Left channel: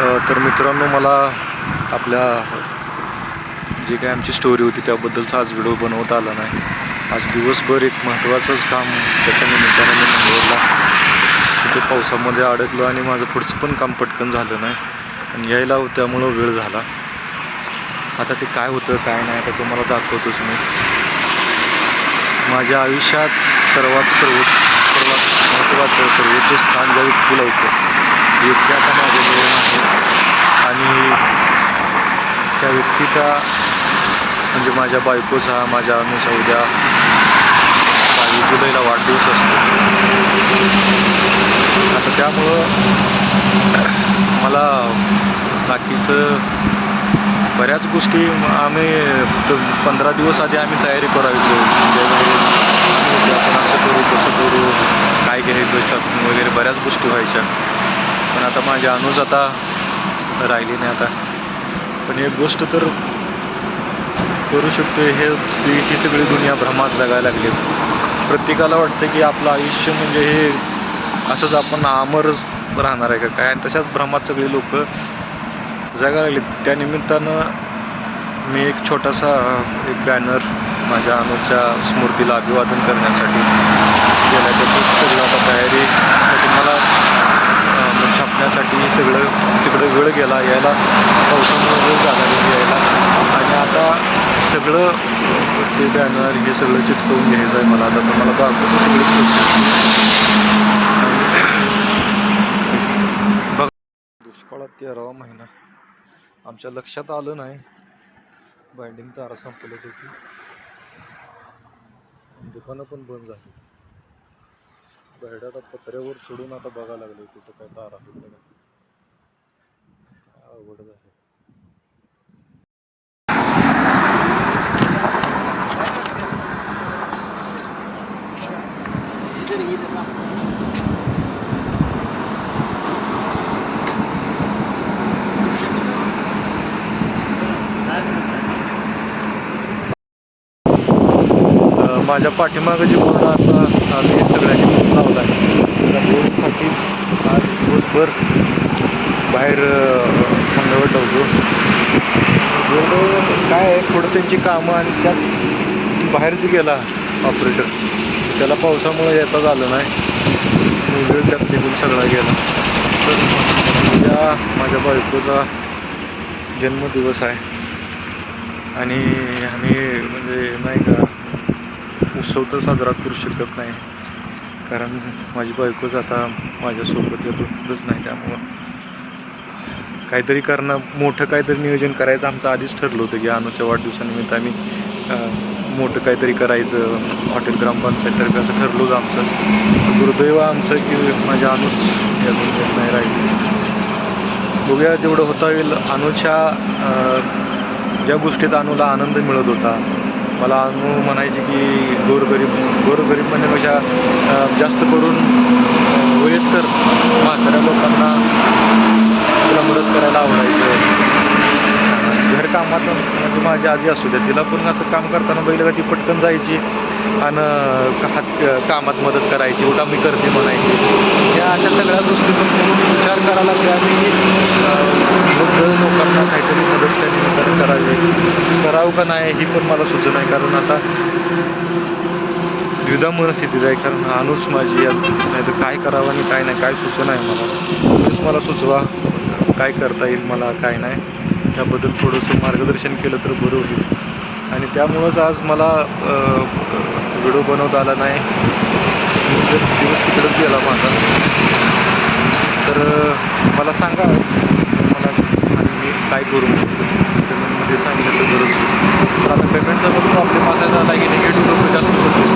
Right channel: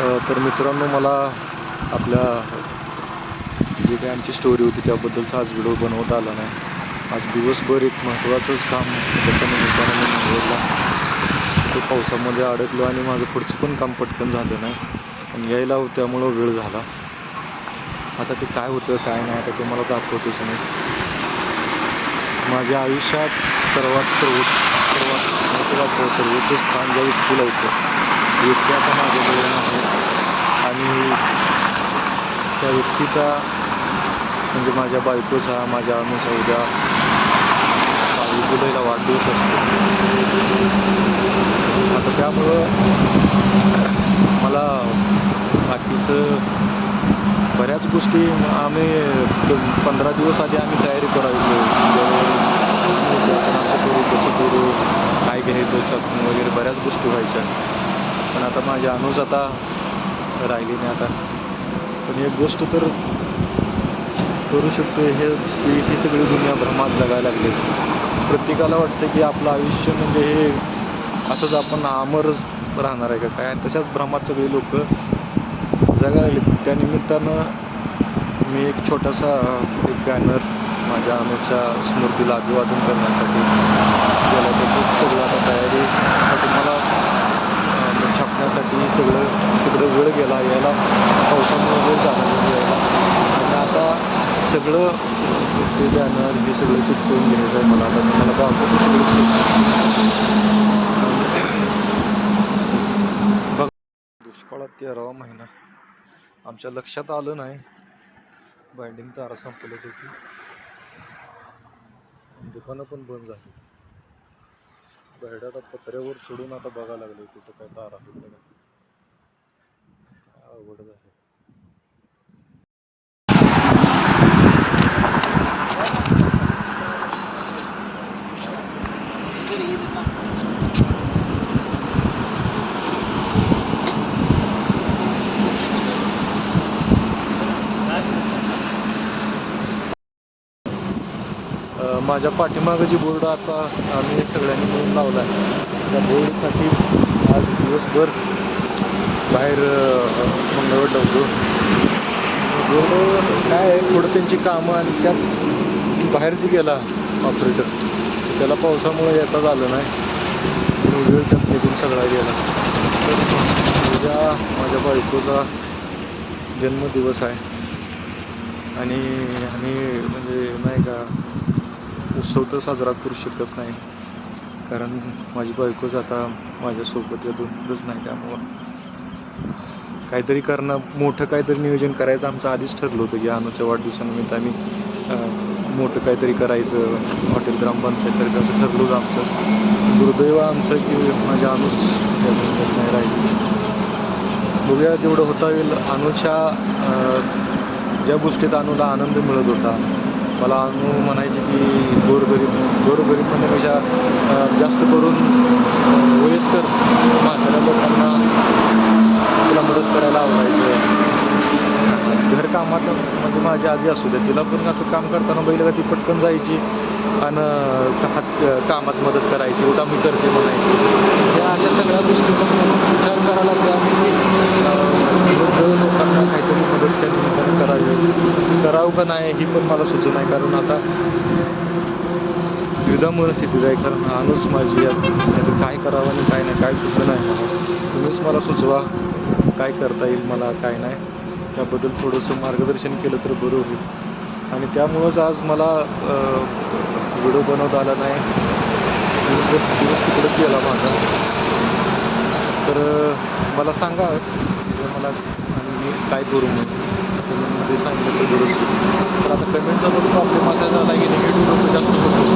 तर मित्रांनो, मला आपल्या जी काही आमची स्टोरी होती त्याबद्दलचा आज व्हिडिओ बनवता आला नाही. आज दिवसभर एक महत्त्वाचंच काम त्याच्या निमित्तानं मी निवडला. ते पावसामध्ये अडकलो आणि माझं पुढचं पण काम पटकन झालं नाही आणि यायला त्यामुळं वेळ झाला. आता ते काय होतं काय नाही आता तुम्हाला दाखवतोच मी. माझ्या आयुष्यात सर्वात महत्त्वाचं सर्वोच्च स्थान ज्या व्यक्तीला होतं ती व्यक्ती आता माझ्याजवळ नाही आणि त्या व्यक्तीचा म्हणजे माझ्या बायकोचा, माझ्या अनुचा उद्या 22 जुलैला वाढदिवस असतो. आता त्यामुळं मला बाकीचं बऱ्याच गोष्टी आम्ही 15 दिवस आधी आम्ही तयारी करायचो. ज्यावेळी आम्ही आपण असं करू तसं करू, काय घ्यायचं शॉपिंग वगैरे बऱ्याच गोष्टी व्हायच्या. पण आता माझी अनुज आता राहिली नाही आता. पण एक गोष्ट तर करू शकतो, ही सगळी दुनिया भ्रमात जगायला लागली. प्रत्येकाला वाटतं की आपलं आयुष्य म्हणजे हे असंच आपण अमरच राहणार आहे का काय, आणि तशाच भ्रमात सगळी लोक जगायला लागली. त्या निमित्तानं मी एक छोटासा बॅनर माझ्या अनुच्या स्मृतीला अभिवादन करण्यासाठी गेला. त्याचं सगळं आता तयारीसाठी मला छापण्यासाठी सगळं तिकडं वेळ गेला, यायला पावसामुळे वेळ झाला यायला. आणि आता सगळं ते बॅनर हे सगळं चिटकवून घ्यायचं आहे मला. आता तुम्हाला दाखवतो सगळी प्रोसेस. बघ, दुष्काळात 13वा महिना आमच्या लक्षात आलं नाही. बाइंडिंग तारा संपलत होती, दुकानं पण बंद झाली. बाहेर आता पत्र्यावर चढून आता बघायला लागले कुठं काय तारा होतं का. अवघड झालं. माझ्या पाठीमागं जी बोर्ड आता आम्ही सगळ्यांनी मिळून लावला आहे, त्या बोर्डसाठीच आज दिवसभर बाहेर मंगळवार लावतो. बोर्ड काय आहे, थोडं त्यांची कामं आणि त्यात बाहेरच गेला ऑपरेटर, त्याला पावसामुळे येता झालं नाही, वेळ त्यात निघून सगळा गेला. तर उद्या माझ्या बायकोचा जन्मदिवस आहे आणि आम्ही म्हणजे नाही का उत्सव तर साजरा करू शकत नाही, कारण माझी बायकोच आता माझ्यासोबत येतच नाही. त्यामुळं काहीतरी करणं, मोठं काहीतरी नियोजन करायचं आमचं आधीच ठरलं होतं की अनुच्या वाढदिवसानिमित्त आम्ही मोठं काहीतरी करायचं. हॉटेल ग्रामपंचायततर्फे असं ठरलं होतं आमचं. दुर्दैव आमचं की माझ्या अनुच यातून येत नाही राहिली. बघूया जेवढं होता येईल. अनुच्या ज्या गोष्टीत अनुला आनंद मिळत होता, मला अनु म्हणायची की गोरगरीब म्हणण्यापेक्षा जास्त करून वयस्कर म्हाताऱ्या लोकांना तिला मदत करायला आवडायचं. घरकामात म्हणजे माझी आजी असू द्या, तिला पण असं काम करताना बघितलं का ती पटकन जायची आणि कामात मदत करायची, उठा मी करते म्हणायची. या अशा सगळ्या गोष्टी म्हणून विचार करायला लागले आणि वृद्ध लोकांना काहीतरी मदत त्या निमित्ताने करावं का नाही ही पण मला सुचत नाही, कारण आता द्विधा मनस्थितीत आहे. कारण अनुच माझी नाही तर काय करावं आणि काय नाही काय सुचना आहे मला. तुम्हीच मला सुचवा काय करता येईल मला, काय नाही. त्याबद्दल थोडंसं मार्गदर्शन केलं तर बरं होईल. आणि त्यामुळंच आज मला व्हिडिओ बनवता आला नाही. दिवस तिकडंच गेला माझा. तर मला सांगा मला आणि मी काय करू म्हणून कमेंटमध्ये सांगितलं तर बरंच होईल. तर आता कमेंटचा बघून प्रॉब्लेम असा झाला की निगेटिव्ह लोक जास्त होते.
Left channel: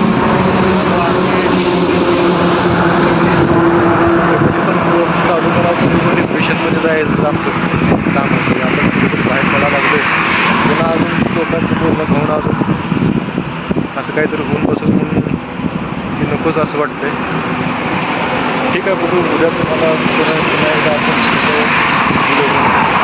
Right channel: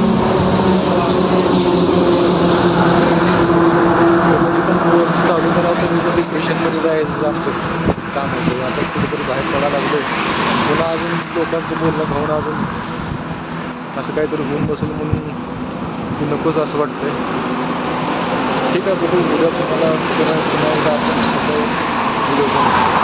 कमेंट पण चालू करावं तरी पण डिप्रेशनमध्ये जायचं आमचं काम होतं. आता कुठेतरी बाहेर पडायला लागलं आहे. पुन्हा अजून लोकांचं बोलणं खाऊन अजून असं काहीतरी होऊन बसून म्हणून ती नकोच असं वाटतंय. ठीक आहे, बघू उद्या तुम्हाला पुन्हा एकदा आपण व्हिडिओ बनवू.